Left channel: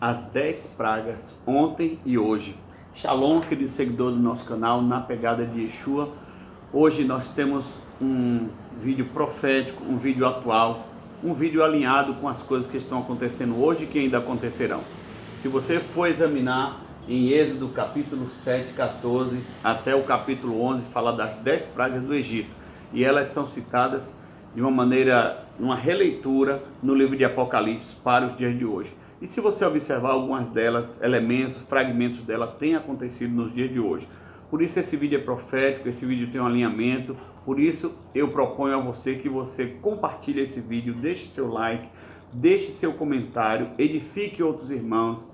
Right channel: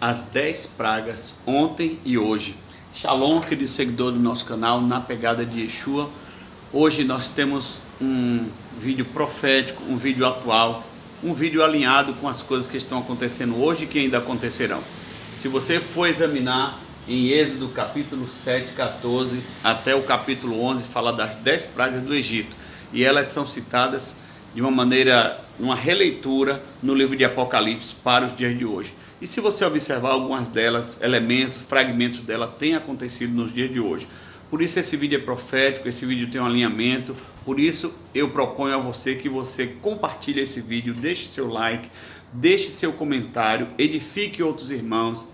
as 10 pragas ontem e hoje. Shalom, querido seguidor do nosso canal, na pegada de Yeshua. Hoje nós temos um vídeo profético, um vídeo atual, um vídeo alinhado com as coisas que estão acontecendo hoje e que ainda acontecerão. Se você for examinar em Êxodo capítulo 7, 14 até o capítulo 11, fala das 10 pragas do Egito. E elas são citadas de uma maneira, uma releitura no livro de Apocalipse para os dias de hoje. E se você observar algumas delas, elementos, fragmentos dela têm acontecido nos dias de hoje. Por isso esse vídeo é profético, esse vídeo tem um alinhamento. Por isso eu proponho a você que você compartilhe esse vídeo, deixe seu like, deixe seu comentário, edifique outros irmãos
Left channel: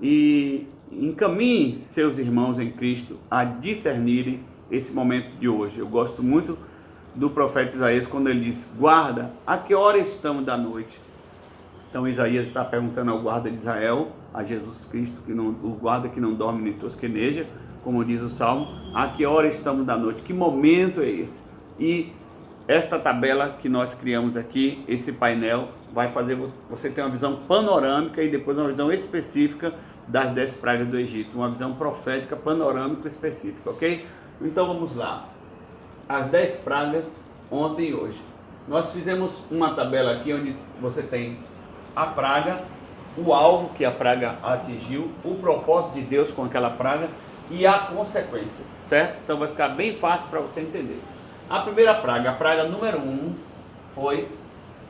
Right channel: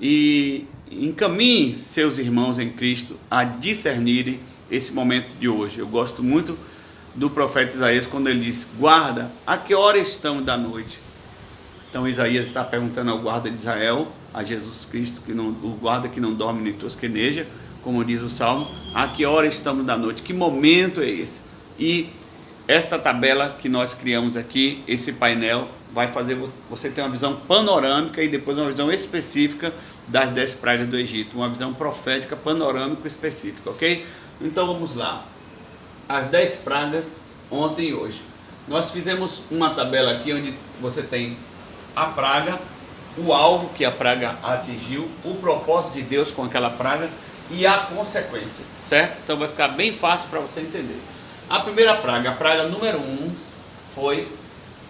e encaminhe seus irmãos em Cristo a discernirem esse momento de hoje. Eu gosto muito do profeta Isaías quando ele diz: guarda, a que hora estamos da noite? Então Isaías está perguntando ao guarda de Israel, a Jesus Cristo, o guarda que não dorme nem tosqueneja, como diz o Salmo, a que hora estamos da noite? Que momento é esse? E esta tabela que nós criamos aqui, esse painel, vai fazer você ter uma visão panorâmica e depois uma visão específica das 10 pragas do Egito, uma visão profética, panorâmica específica, ok? Então vamos lá. As 10 pragas ontem e hoje. Nós fizemos uma tabela aqui onde você tem a praga, o alvo que a praga atingiu, o propósito de Deus com aquela praga e a consequência, certo? Então vai ficar bem fácil para você entender. A primeira praga, a praga número 1, foi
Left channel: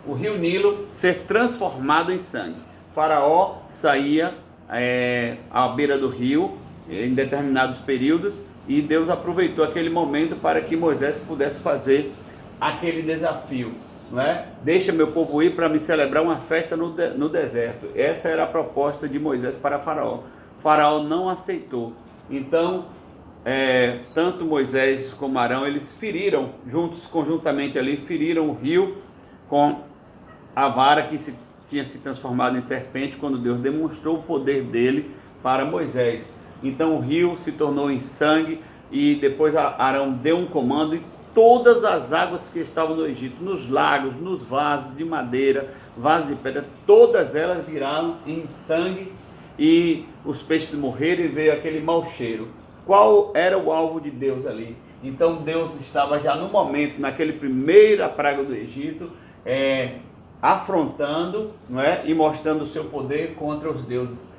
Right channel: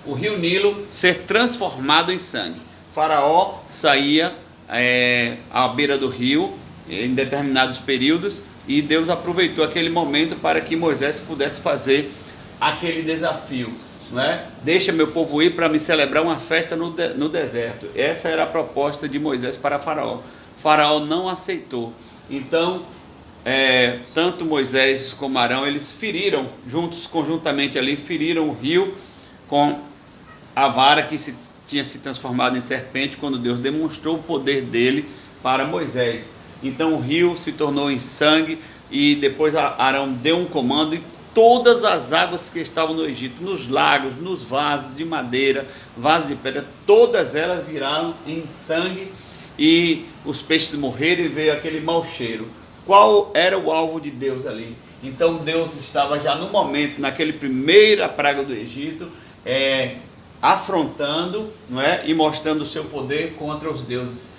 o rio Nilo ser transformado em sangue. Faraó saía à beira do rio em determinados períodos e Deus aproveitou aquele momento para que Moisés pudesse fazer aquele desafio, não é? Deixa meu povo ir para me celebrar uma festa no deserto. Essa era a proposta de Moisés para Faraó. Faraó não aceitou. Então, tanto Moisés como Arão, eles feriram conjuntamente ali, feriram o rio com a vara que tinha se transformado em serpente quando Deus demonstrou o poder dele para Moisés. Então o rio se tornou em sangue e depois Arão deu um comando e todas as águas que estavam no Egito, nos lagos, nos vasos de madeira, vasos de pedra, todas elas viraram em sangue e os peixes morreram e veio aquele mau cheiro. Qual era o alvo de Deus ali? Então Deus estava já no momento, naquele primeira praga do Egito, afrontando, não é? E mostrando o seu poder contra os deuses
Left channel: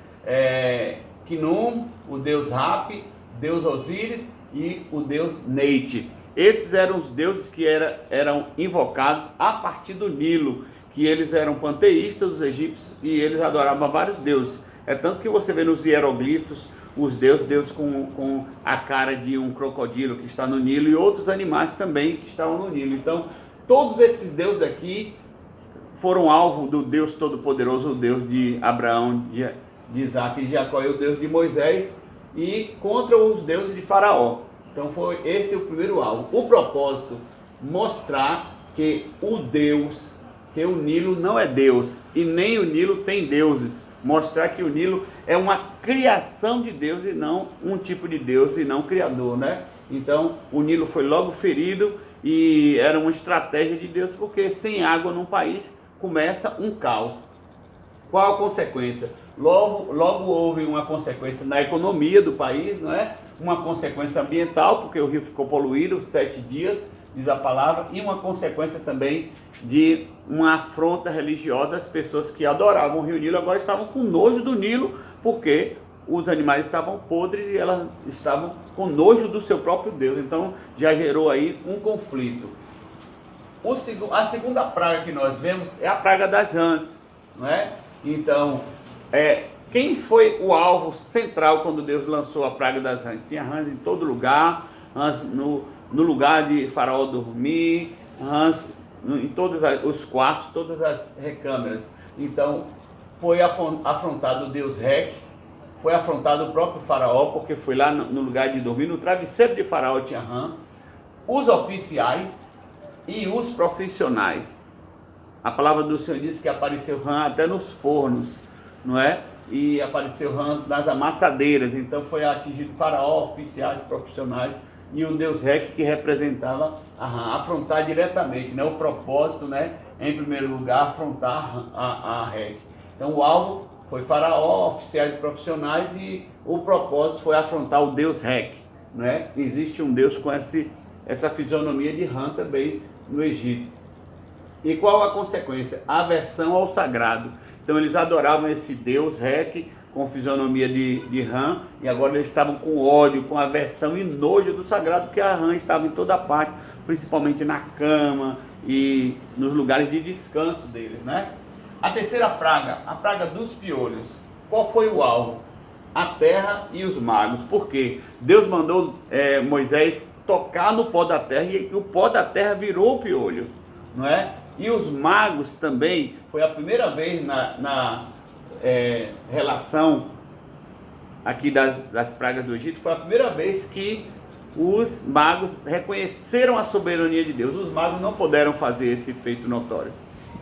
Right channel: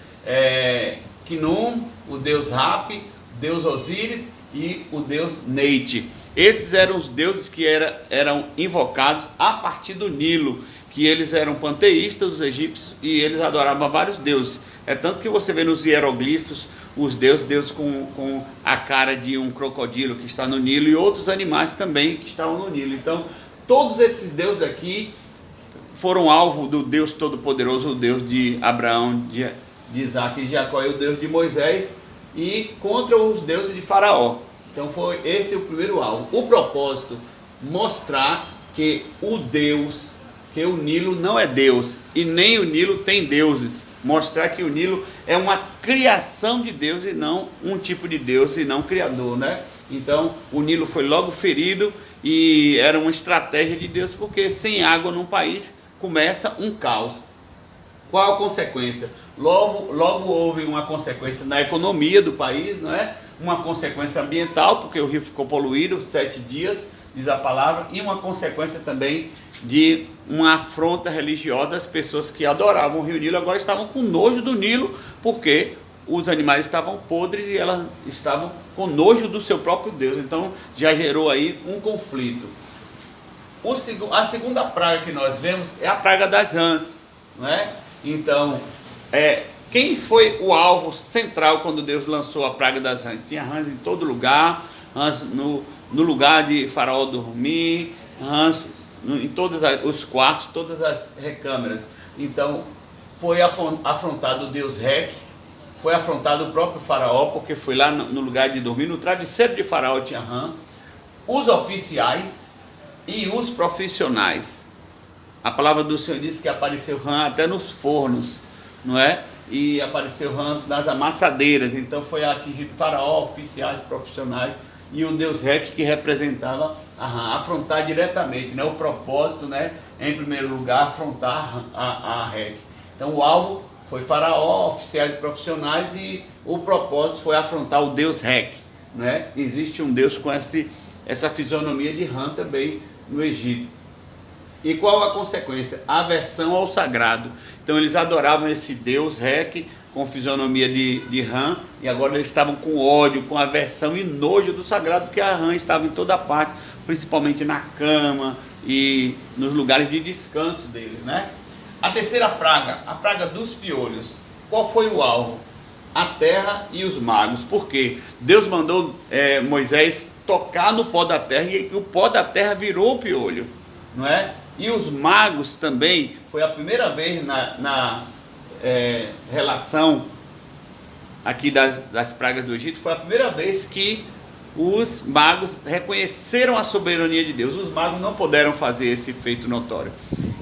Khnum, o deus Rapi, deus Osíris e o deus Neite. Esses eram os deuses que eram invocados a partir do Nilo, que eles eram panteístas, os egípcios, e eles adoravam vários deuses. É tanto que você vê nos hieroglifos os deuses com a cara de um crocodilo que está no Nilo e outros animais também que estavam no Nilo. Então, todos esses deuses aqui foram alvo do Deus Todo-Poderoso, o Deus de Abraão, de Isaac e de Jacó, e o Deus de Moisés, e contra os deuses de Faraó. Então foi esse o primeiro alvo. O propósito, mostrar que que o Nilo não é Deus, e nem o Nilo tem deuses. Mostrar que o Nilo é uma criação de Deus e não um tipo de Deus e não criador, né? Então o Nilo foi logo ferido e era uma estratégia de Deus, porque sem água num país começa um caos. Qual a consequência? Logo houve uma consequência na economia do país, não é? Uma consequência ambiental, porque o rio ficou poluído 7 dias, diz a palavra, e uma consequência também de uma afronta religiosa. As pessoas que adoravam o rio Nilo agora estavam com nojo do Nilo, porque os animais estavam podres e elas estavam com nojo do seu próprio Deus. Então já gerou aí um conflito. A segunda praga que nós vemos é a praga das rãs, não é? Então, quem foi o alvo central quando Deus lançou a praga das rãs? Tinha rãs em todo lugar, rãs no lugar de Faraó dormir, rãs em todos os quartos, todas as recâmeras. Então, foi afrontado o Deus Rec, foi afrontado o próprio Faraó, porque foi lá no lugar de dormir, no travesseiro de Faraó tinha rã, os oficiais e os profissionais. A palavra do Senhor diz que apareceu rã até nos fornos, não é? E apareceu rãs nas amassadeiras. Então foi atingido Faraó, oficiais, profissionais e o Deus Rec, que representava a rã. Afrontar diretamente, O propósito, Em primeiro lugar, afrontar a Rec. Então o alvo Foi Faraó, oficiais e profissionais, e o propósito foi afrontar o Deus Rec, né? Existe um Deus com essa fisionomia de rã também no Egito. E qual a consequência? Aversão ao sagrado. Então eles adoravam esse Deus Rec com fisionomia de rã, e agora eles estavam com ódio, com aversão e nojo do sagrado, porque a rã estava em toda parte, principalmente na cama e nos lugares de descanso deles, né? A terceira praga, a praga dos piolhos. Qual foi o alvo? A terra e os magos. Por quê? Deus mandou Moisés tocar no pó da terra, e o pó da terra virou o piolho, não é? E os magos também, foi a primeira vez na relação aqui das pragas do Egito, foi a primeira vez que os magos reconheceram a soberania de Deus. Os magos não puderam fazer esse feito notório.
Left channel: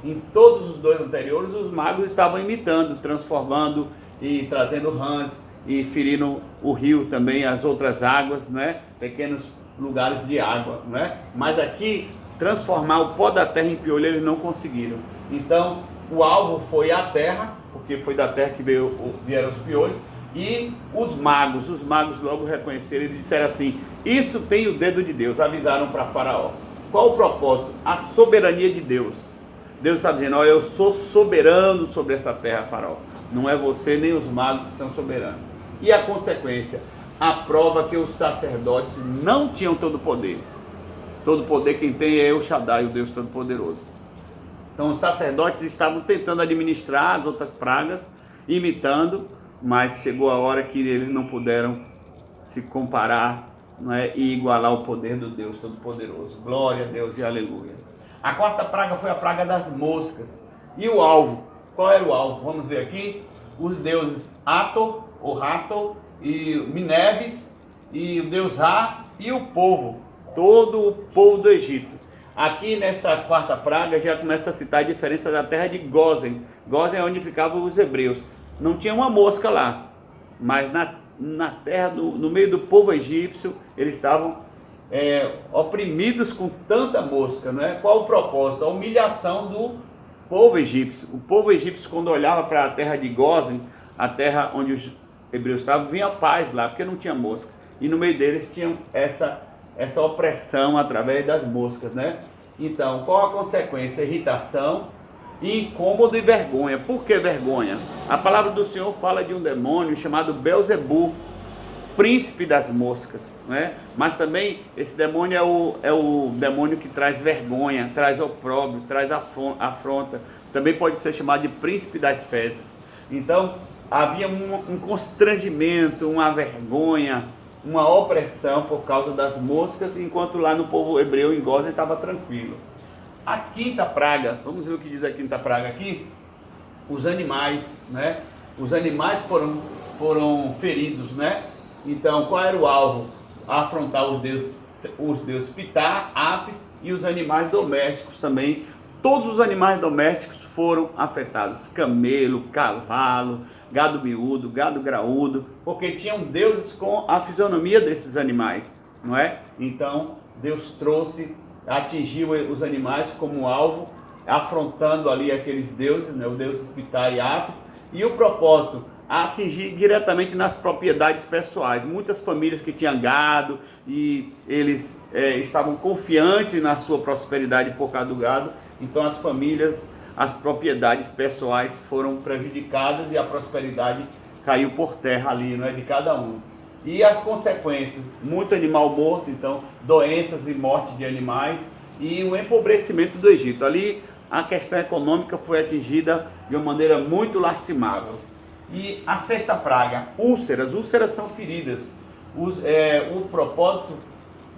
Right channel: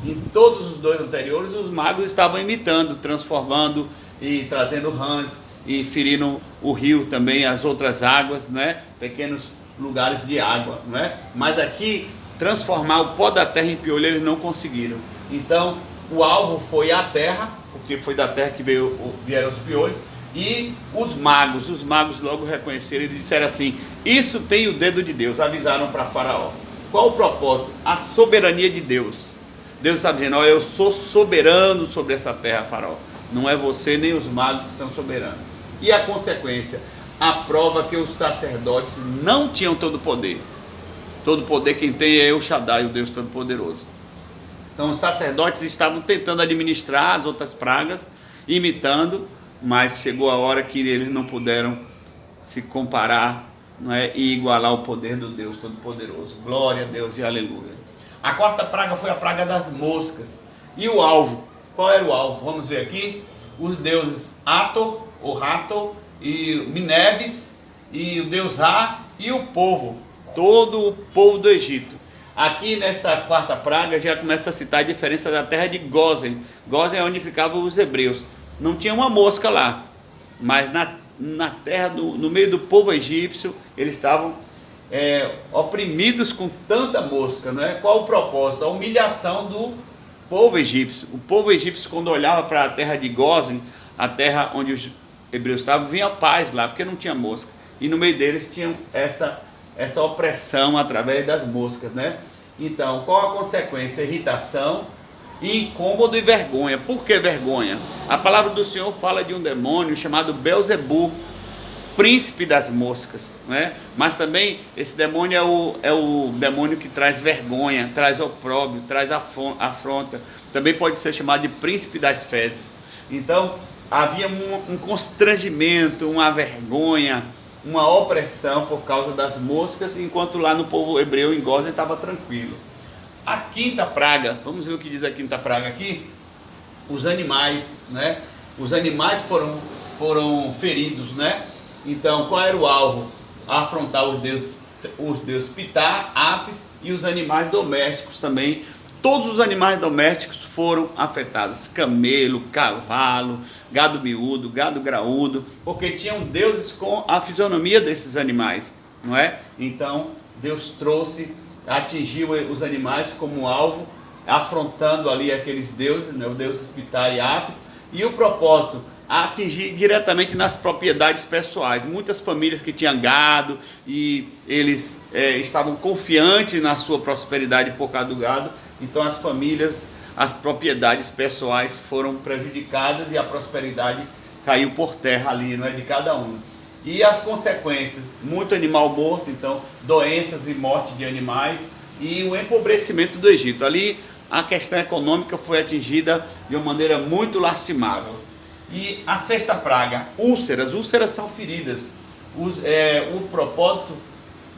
Em todos os dois anteriores, os magos estavam imitando, transformando e trazendo rãs e ferindo o rio também, as outras águas, né? Pequenos lugares de água, né? Mas aqui, transformar o pó da terra em piolho, eles não conseguiram. Então, o alvo foi a terra, porque foi da terra que vieram os piolhos, e os magos logo reconheceram e disseram assim: isso tem o dedo de Deus. Avisaram para Faraó. Qual o propósito? A soberania de Deus. Deus está dizendo: eu sou soberano sobre essa terra, Faraó. Não é você nem os magos que são soberanos. E a consequência? A prova que os sacerdotes não tinham todo o poder. Todo o poder quem tem é El Shaddai, o Deus Todo-Poderoso. Então os sacerdotes estavam tentando administrar as outras pragas, imitando, mas chegou a hora que eles não puderam se comparar, não é, e igualar o poder do Deus Todo-Poderoso. Glória a Deus e aleluia. A quarta praga foi a praga das moscas. E o alvo? Qual era o alvo? Vamos ver aqui. Os deuses Ator, ou Hathor, e Mineves, e o deus Ra, e o povo, todo o povo do Egito. Aqui nessa quarta praga já começa a citar a diferença da terra de Gósen. Gósen é onde ficavam os hebreus. Não tinha uma mosca lá, mas na terra, no meio do povo egípcio, eles estavam oprimidos com tanta mosca, não é? Qual o propósito? A humilhação do povo egípcio. O povo egípcio, quando olhava para a terra de Gósen, a terra onde os hebreus estavam, vinha paz lá, porque não tinha mosca. E no meio deles tinha essa opressão através das moscas, né? Então, qual a consequência? Irritação, incômodo e vergonha. Por que vergonha? A palavra do Senhor fala de um demônio chamado Belzebu, príncipe das moscas, né? Mas também esse demônio é o demônio que traz vergonha, traz opróbrio, traz afronta. Também pode ser chamado de príncipe das fezes. Então havia um constrangimento, uma vergonha, uma opressão por causa das moscas, enquanto lá no povo hebreu em Gósen estava tranquilo. A quinta praga, vamos ver o que diz a quinta praga aqui. Os animais, né? Os animais foram feridos, né? Então, qual era o alvo? Afrontar os deuses Ptah, Apis e os animais domésticos também. Todos os animais domésticos foram afetados: camelo, cavalo, gado miúdo, gado graúdo, porque tinham deuses com a fisionomia desses animais, não é? Então, Deus atingiu os animais como alvo, afrontando ali aqueles deuses, né? O deus Ptah e Apis, e o propósito: atingir diretamente nas propriedades pessoais. Muitas famílias que tinham gado e eles estavam confiantes na sua prosperidade por causa do gado, então as propriedades pessoais foram prejudicadas e a prosperidade caiu por terra ali, não é, de cada um. E as consequências: muito animal morto, então doenças e morte de animais, e o empobrecimento do Egito. Ali a questão econômica foi atingida de uma maneira muito lastimável. E a sexta praga, úlceras. Úlceras são feridas. O propósito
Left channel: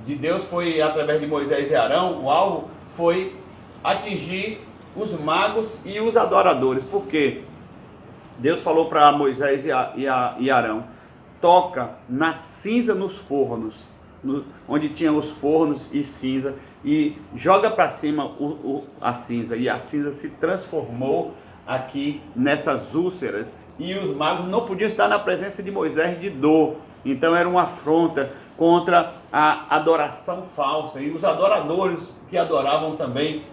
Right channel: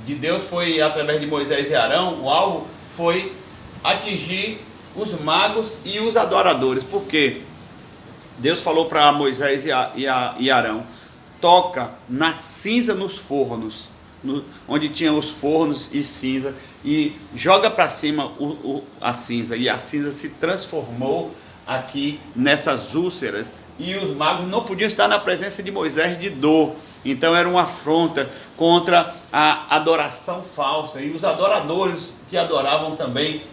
de Deus foi, através de Moisés e Arão, o alvo foi atingir os magos e os adoradores. Por quê? Deus falou para Moisés e Arão: toca na cinza nos fornos, onde tinham os fornos e cinza, e joga para cima a cinza. E a cinza se transformou aqui nessas úlceras. E os magos não podiam estar na presença de Moisés de dor. Então era uma afronta contra a adoração falsa. E os adoradores que adoravam também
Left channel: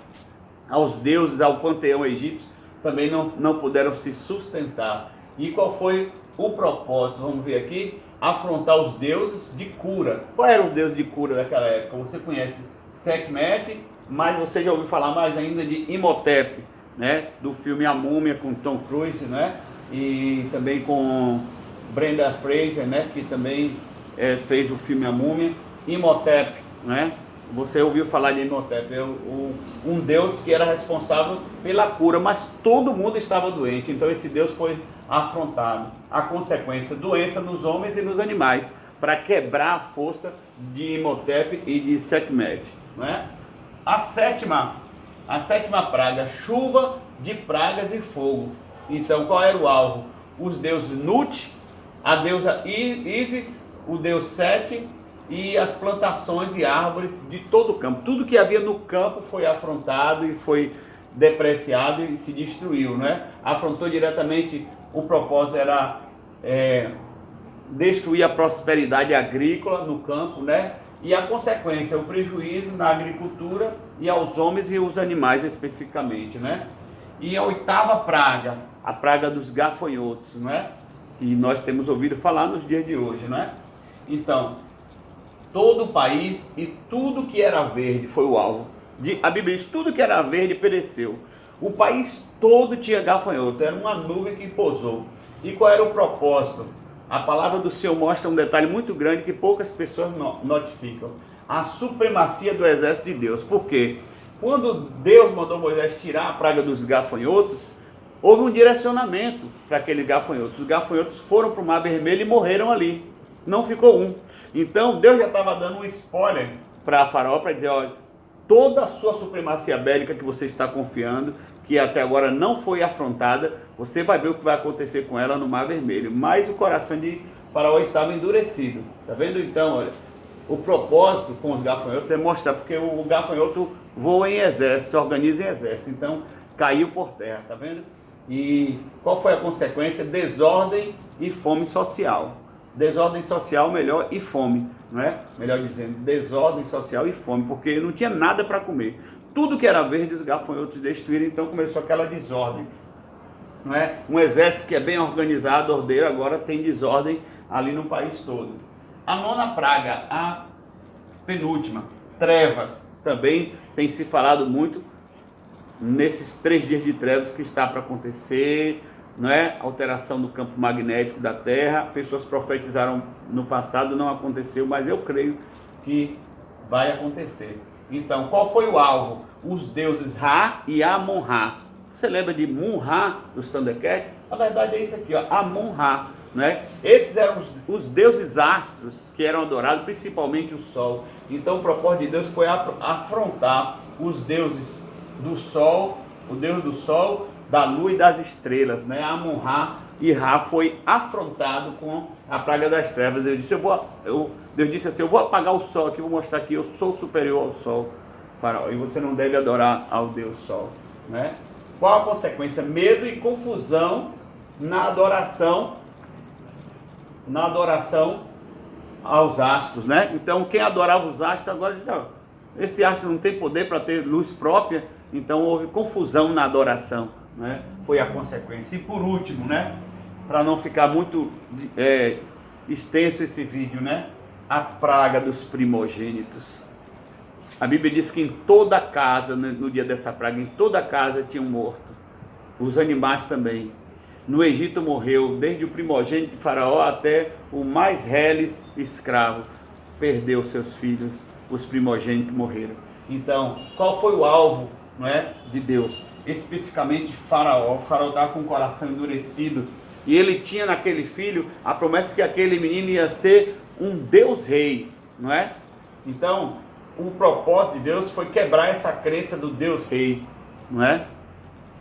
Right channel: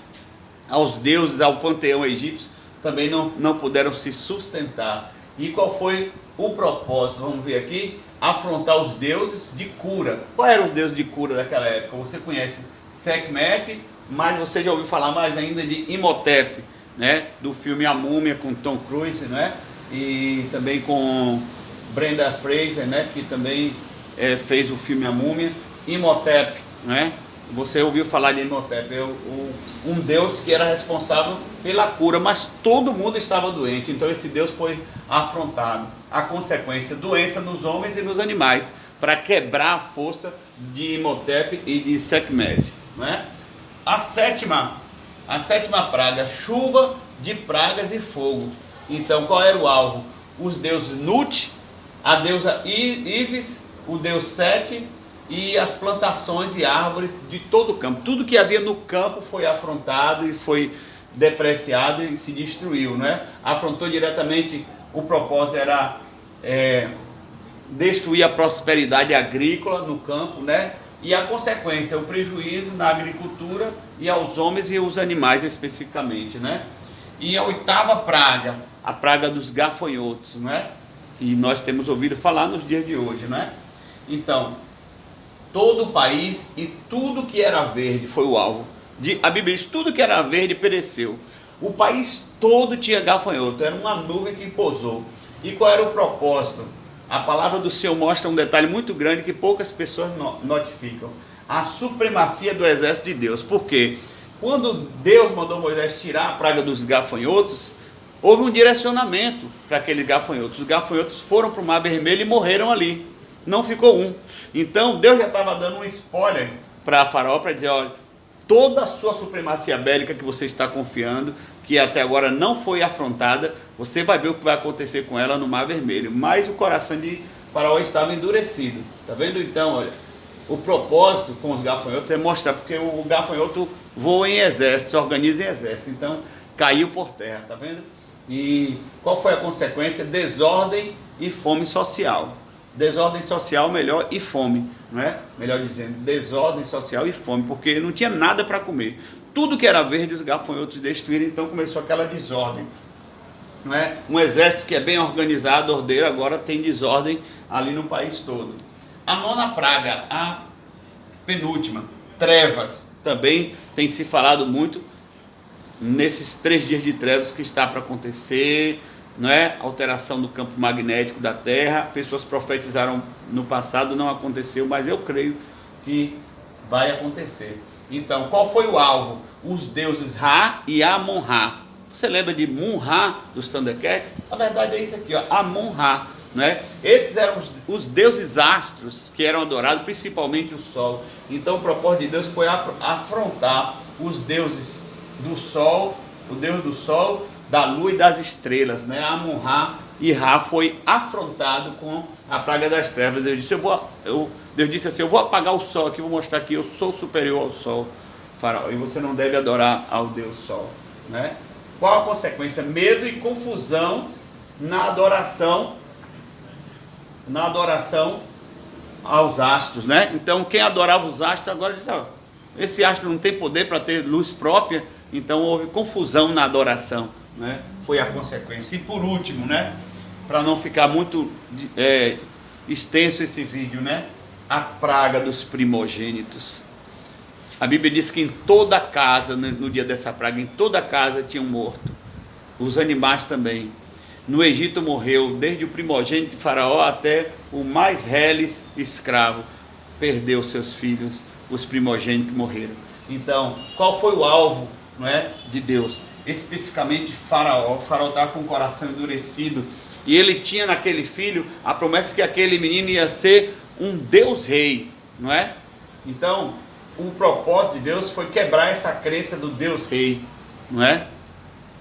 aos deuses, ao panteão egípcio, também não puderam se sustentar. E qual foi o propósito? Vamos ver aqui. Afrontar os deuses de cura. Qual era o deus de cura daquela época? Você conhece Sekhmet, mas você já ouviu falar mais ainda de Imhotep, né? Do filme A Múmia com Tom Cruise, né? E também com Brenda Fraser, né? Que também fez o filme A Múmia. Imhotep, né? Você ouviu falar de Imhotep, um deus que era responsável pela cura, mas todo mundo estava doente, então esse deus foi afrontado. A consequência, doença nos homens e nos animais, para quebrar a força de Imhotep e de Sekhmet, né? A sétima praga, chuva de pragas e fogo. Então qual era o alvo? Os deuses Nut, a deusa Ísis, o deus Sete, e as plantações e árvores de todo o campo. Tudo que havia no campo foi afrontado e foi depreciado e se destruiu, né? Afrontou diretamente, o propósito era destruir a prosperidade agrícola no campo, né? E a consequência, o prejuízo na agricultura e aos homens e aos animais especificamente, né? E a oitava praga, a praga dos gafanhotos, né? E nós temos ouvido falar nos dias de hoje, né? Então, todo o país e tudo que era verde foi o alvo. A Bíblia diz, tudo que era verde pereceu. O país todo tinha gafanhoto, era uma nuvem que pousou. E qual era o propósito? A palavra do Senhor mostra um detalhe muito grande que poucas pessoas notificam. A supremacia do exército de Deus. Por quê? Quando Deus mandou Moisés tirar a praga dos gafanhotos, houve um direcionamento para aqueles gafanhotos. Os gafanhotos foram para o Mar Vermelho e morreram ali. Não ficou um. Então Deus já estava dando um spoiler para Faraó, para dizer, olha, toda a sua supremacia bélica que você está confiando, que até agora não foi afrontada, você vai ver o que vai acontecer com ela no Mar Vermelho. Mas o coração de Faraó estava endurecido. Está vendo então, olha, o propósito com os gafanhotos é mostrar, porque o gafanhoto voa em exército, se organiza em exército. Então caiu por terra, está vendo? E qual foi a consequência? Desordem e fome social. Desordem social, melhor, e fome, não é? Melhor dizendo, desordem social e fome, porque não tinha nada para comer. Tudo que era verde, os gafanhotos destruíram, então começou aquela desordem, não é? Um exército que é bem organizado, ordeiro, agora tem desordem ali no país todo. A nona praga, a penúltima, trevas, também tem se falado muito nesses 3 dias de trevas que está para acontecer, não é? Alteração do campo magnético da Terra. Pessoas profetizaram no passado, não aconteceu, mas eu creio que vai acontecer. Então, qual foi o alvo? Os deuses Ra e Amon-Ra. Você lembra de Mun-Ra dos Thundercats? Na verdade é isso aqui, ó, Amon-Ra, né? Esses eram os deuses astros que eram adorados, principalmente o Sol. Então o propósito de Deus foi afrontar os deuses do Sol, o Deus do Sol, da lua e das estrelas, né? Amon-Ra e Ra foi afrontado com a praga das trevas. Deus disse assim, eu vou apagar o sol aqui, vou mostrar que eu sou superior ao sol, Faraó, e você não deve adorar ao Deus Sol, né? Qual a consequência? Medo e confusão na adoração aos astros, né? Então quem adorava os astros agora diz, ó, esse astro não tem poder para ter luz própria, então houve confusão na adoração, né? Foi a consequência. E por último, né, para não ficar muito extenso esse vídeo, né, a praga dos primogênitos. A Bíblia diz que em toda casa, no dia dessa praga, em toda casa tinha um morto, os animais também. No Egito morreu desde o primogênito de Faraó até o mais reles escravo, perdeu seus filhos, os primogênitos morreram. Então, qual foi o alvo, não é, de Deus? Especificamente Faraó. O Faraó estava com o coração endurecido e ele tinha naquele filho a promessa que aquele menino ia ser um Deus rei, não é? Então o propósito de Deus foi quebrar essa crença do Deus rei, não é?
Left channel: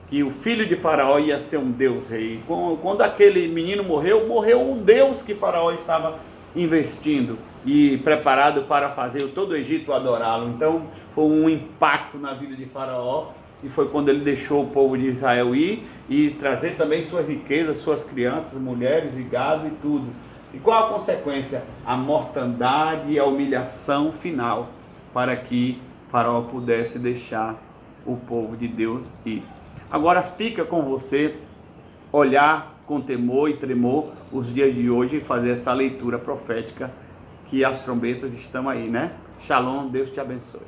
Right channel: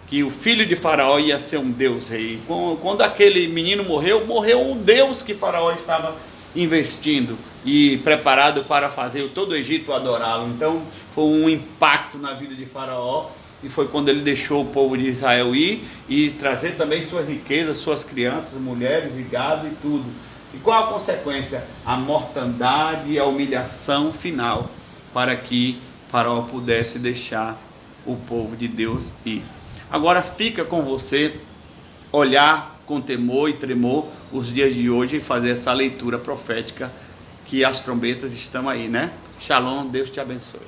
Que o filho de Faraó ia ser um Deus rei. Quando aquele menino morreu, morreu um Deus que Faraó estava investindo e preparado para fazer todo o Egito adorá-lo. Então foi um impacto na vida de Faraó, e foi quando ele deixou o povo de Israel ir e trazer também suas riquezas, suas crianças, mulheres e gado e tudo. E qual a consequência? A mortandade e a humilhação final, para que Faraó pudesse deixar o povo de Deus ir. Agora fica com você olhar com temor e tremor os dias de hoje e fazer essa leitura profética que as trombetas estão aí, né? Shalom, Deus te abençoe.